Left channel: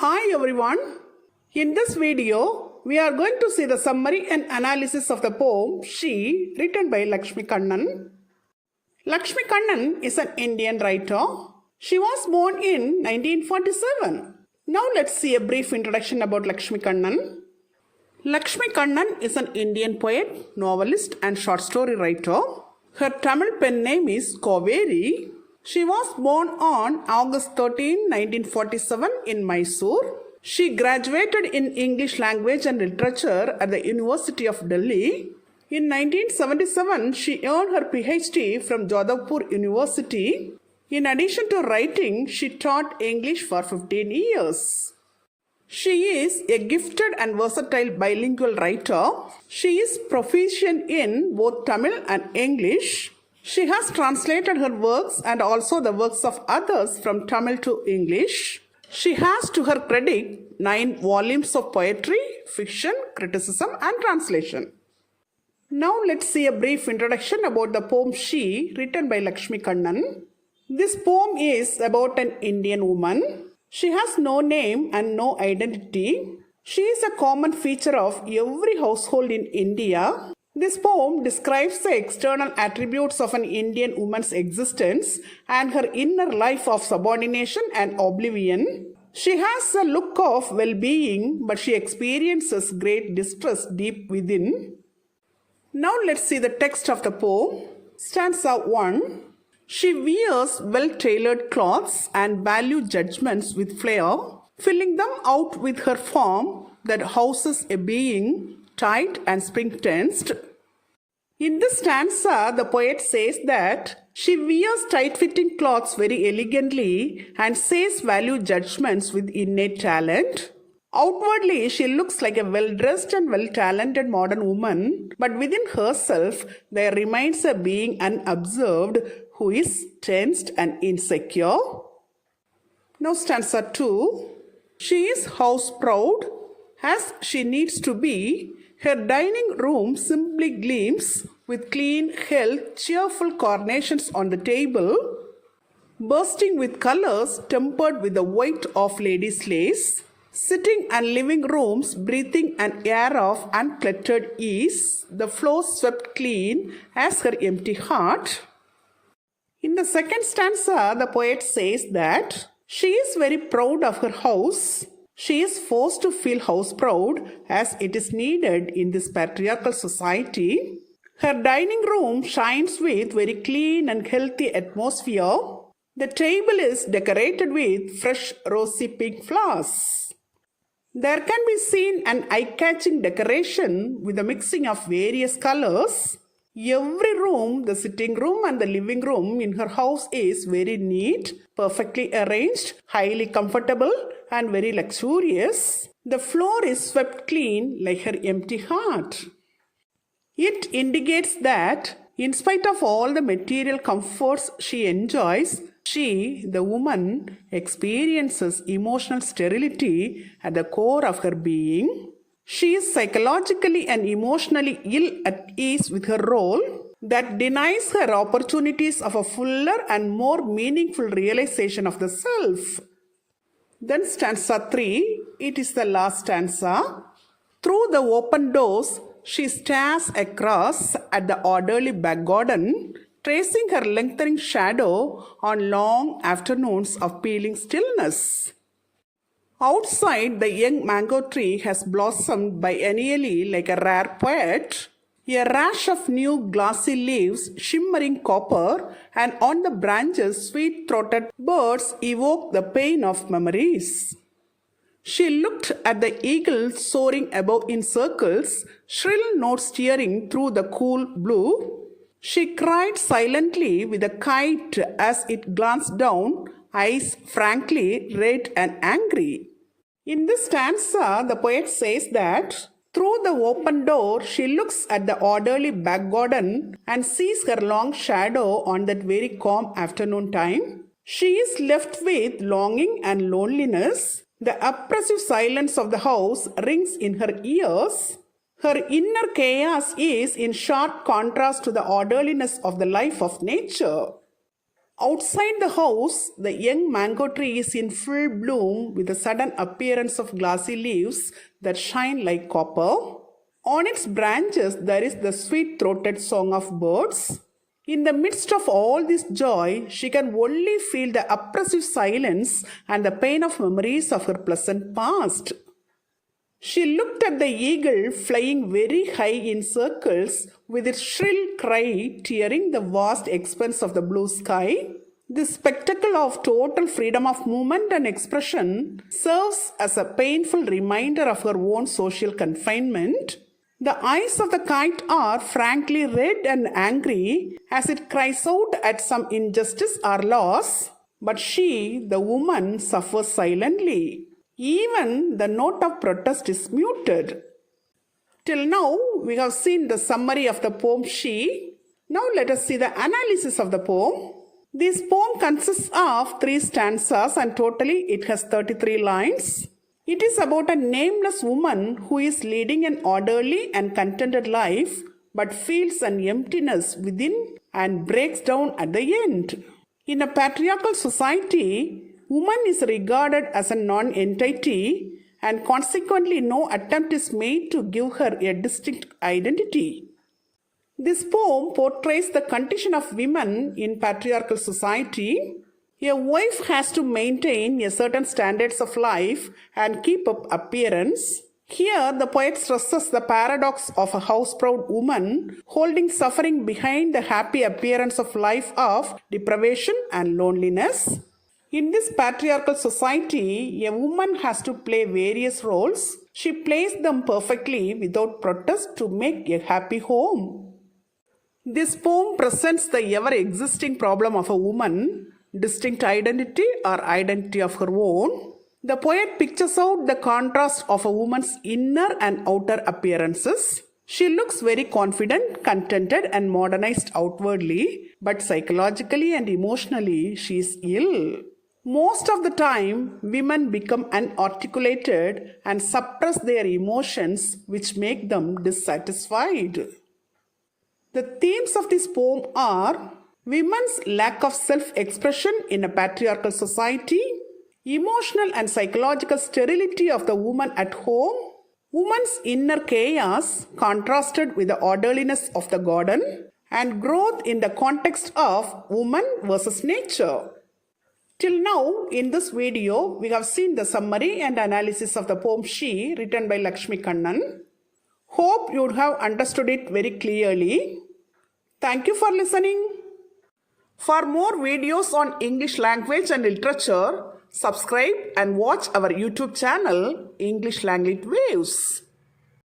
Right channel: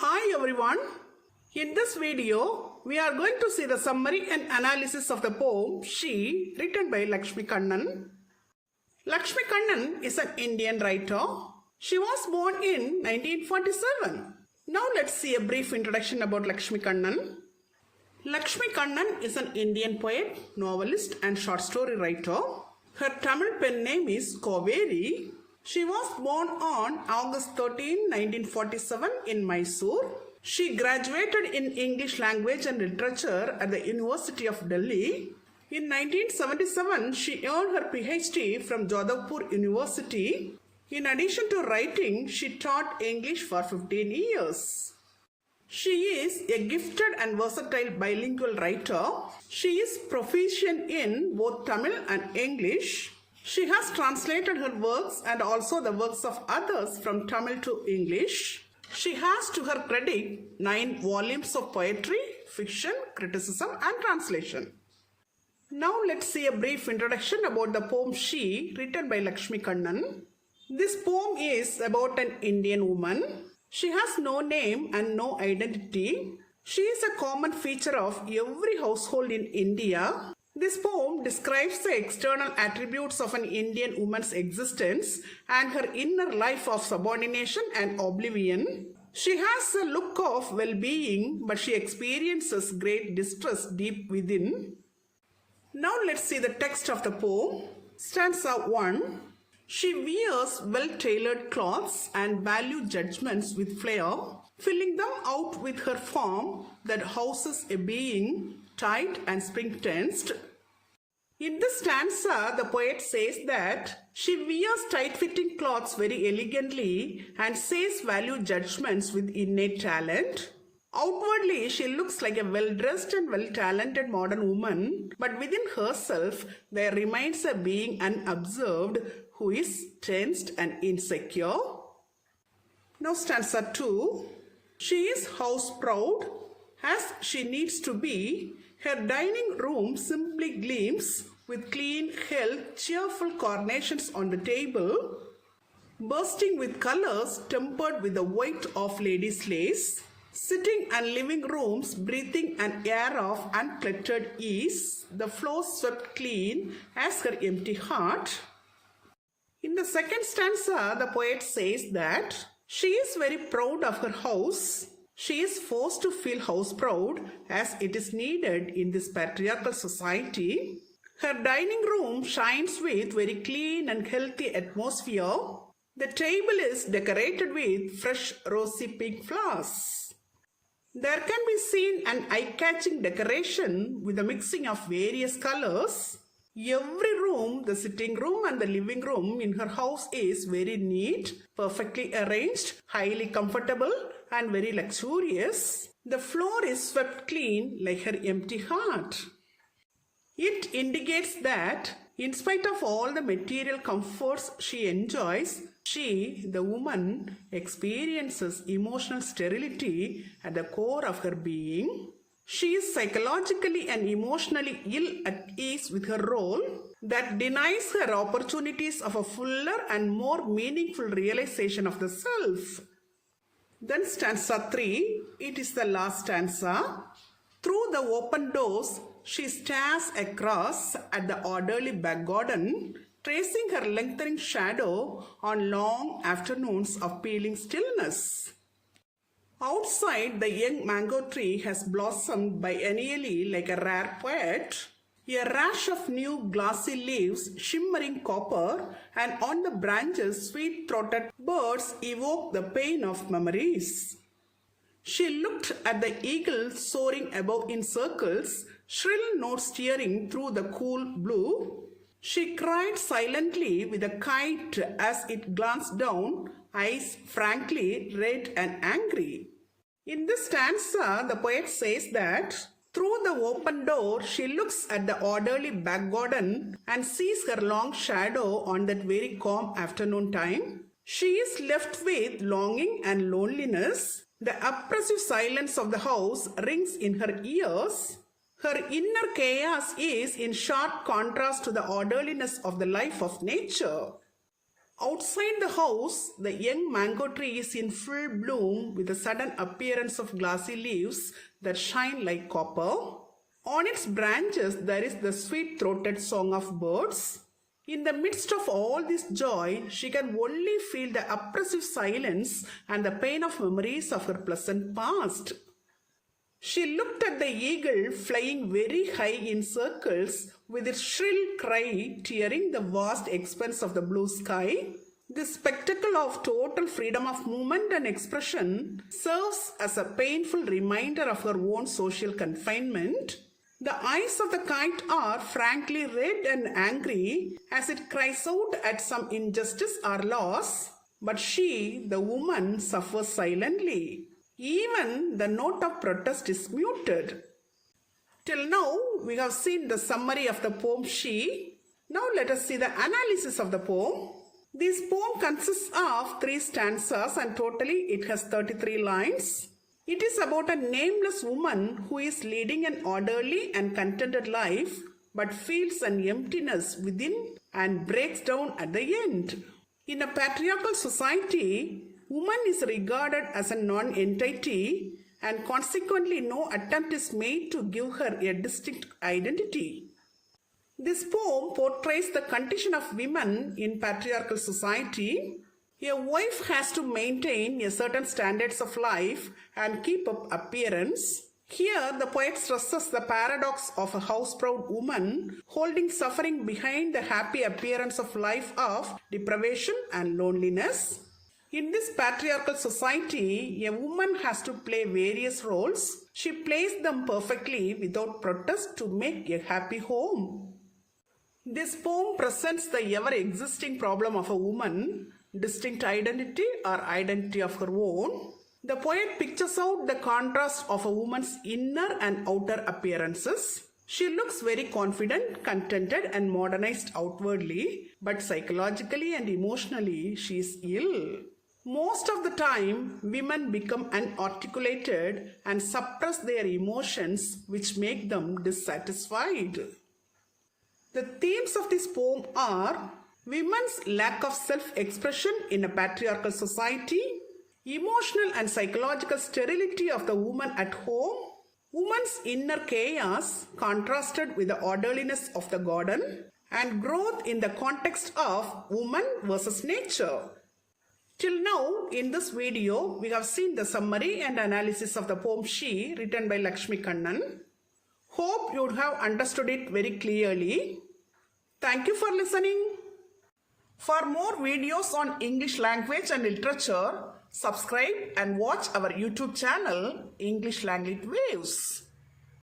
Hi everyone. In this video, we are going to see the summary and analysis of the poem She, written by Lakshmi Kannan. Lakshmi Kannan is an Indian writer. She was born in 1947. Now let's see a brief introduction about Lakshmi Kannan. Lakshmi Kannan is an Indian poet, novelist and short story writer. Her Tamil pen name is Kaveri. She was born on August 13, 1947 in Mysore. She graduated in English language and literature at the University of Delhi. In 1977, she earned her PhD from Jodhpur University. In addition to writing, she taught English for 15 years. She is a gifted and versatile bilingual writer. She is proficient in both Tamil and English. She has translated her works and also the works of others from Tamil to English. She has to her credit 9 volumes of poetry, fiction, criticism and translation. Now let's see a brief introduction about the poem She, written by Lakshmi Kannan. This poem is about an Indian woman. She has no name and no identity. She is a common feature of every household in India. This poem describes the external attributes of an Indian woman's existence and her inner life of subordination and oblivion. She has a look of well-being, but she experiences great distress deep within. Now let's see the text of the poem. Stanza 1. She wears well-tailored clothes and value judgments with flair, filling them out with her form that houses a being tight and spring-tensed. In this stanza, the poet says that she wears tight-fitting clothes very elegantly and says value judgments with innate talent. Outwardly, she looks like a well-dressed and well-talented modern woman, but within herself, there remains a being unobserved who is tensed and insecure. Now stanza 2. She is house-proud, as she needs to be. Her dining room simply gleams with clean, health, cheerful carnations on the table, bursting with colors tempered with the white of ladies' lace. Sitting and living rooms breathing an air of uncluttered ease, the floors swept clean as her empty heart. In the second stanza, the poet says that she is very proud of her house. She is forced to feel house proud as it is needed in this patriarchal society. Her dining room shines with very clean and healthy atmosphere. The table is decorated with fresh rosy pink flowers. There can be seen an eye-catching decoration with a mixing of various colors. Every room, the sitting room and the living room in her house is very neat, perfectly arranged, highly comfortable and very luxurious. The floor is swept clean like her empty heart. It indicates that in spite of all the material comforts she enjoys, she, the woman, experiences emotional sterility at the core of her being. She is psychologically and emotionally ill at ease with her role that denies her opportunities of a fuller and more meaningful realization of the self. Then stanza 3, it is the last stanza. Through the open doors, she stares across at the orderly back garden, tracing her lengthening shadow on long afternoons of peeling stillness. Outside, the young mango tree has blossomed biennially like a rare poet. A rash of new glossy leaves, shimmering copper, and on the branches sweet-throated birds evoke the pain of memories. She looked at the eagle soaring above in circles, shrill notes steering through the cool blue. She cried silently with a kite as it glanced down, eyes frankly red and angry. In this stanza, the poet says that through the open door, she looks at the orderly back garden and sees her long shadow on that very calm afternoon time. She is left with longing and loneliness. The oppressive silence of the house rings in her ears. Her inner chaos is in sharp contrast to the orderliness of the life of nature. Outside the house, the young mango tree is in full bloom with the sudden appearance of glossy leaves that shine like copper. On its branches, there is the sweet-throated song of birds. In the midst of all this joy, she can only feel the oppressive silence and the pain of memories of her pleasant past. She looked at the eagle flying very high in circles with its shrill cry tearing the vast expanse of the blue sky. This spectacle of total freedom of movement and expression serves as a painful reminder of her own social confinement. The eyes of the kite are frankly red and angry as it cries out at some injustice or loss, but she, the woman, suffers silently. Even the note of protest is muted. Till now, we have seen the summary of the poem She. Now let us see the analysis of the poem. This poem consists of 3 stanzas and totally it has 33 lines. It is about a nameless woman who is leading an orderly and contented life but feels an emptiness within and breaks down at the end. In a patriarchal society, woman is regarded as a non-entity and consequently no attempt is made to give her a distinct identity. This poem portrays the condition of women in patriarchal society. A wife has to maintain a certain standards of life and keep up appearance. Here, the poet stresses the paradox of a house-proud woman holding suffering behind the happy appearance of life of deprivation and loneliness. In this patriarchal society, a woman has to play various roles. She plays them perfectly without protest to make a happy home. This poem presents the ever-existing problem of a woman, distinct identity or identity of her own. The poet pictures out the contrast of a woman's inner and outer appearances. She looks very confident, contented and modernized outwardly, but psychologically and emotionally she is ill. Most of the time, women become unarticulated and suppress their emotions which make them dissatisfied. The themes of this poem are women's lack of self-expression in a patriarchal society, emotional and psychological sterility of the woman at home, woman's inner chaos contrasted with the orderliness of the garden, and growth in the context of woman versus nature. Till now, in this video, we have seen the summary and analysis of the poem She, written by Lakshmi Kannan. Hope you would have understood it very clearly. Thank you for listening. For more videos on English language and literature, subscribe and watch our YouTube channel, English Language Waves.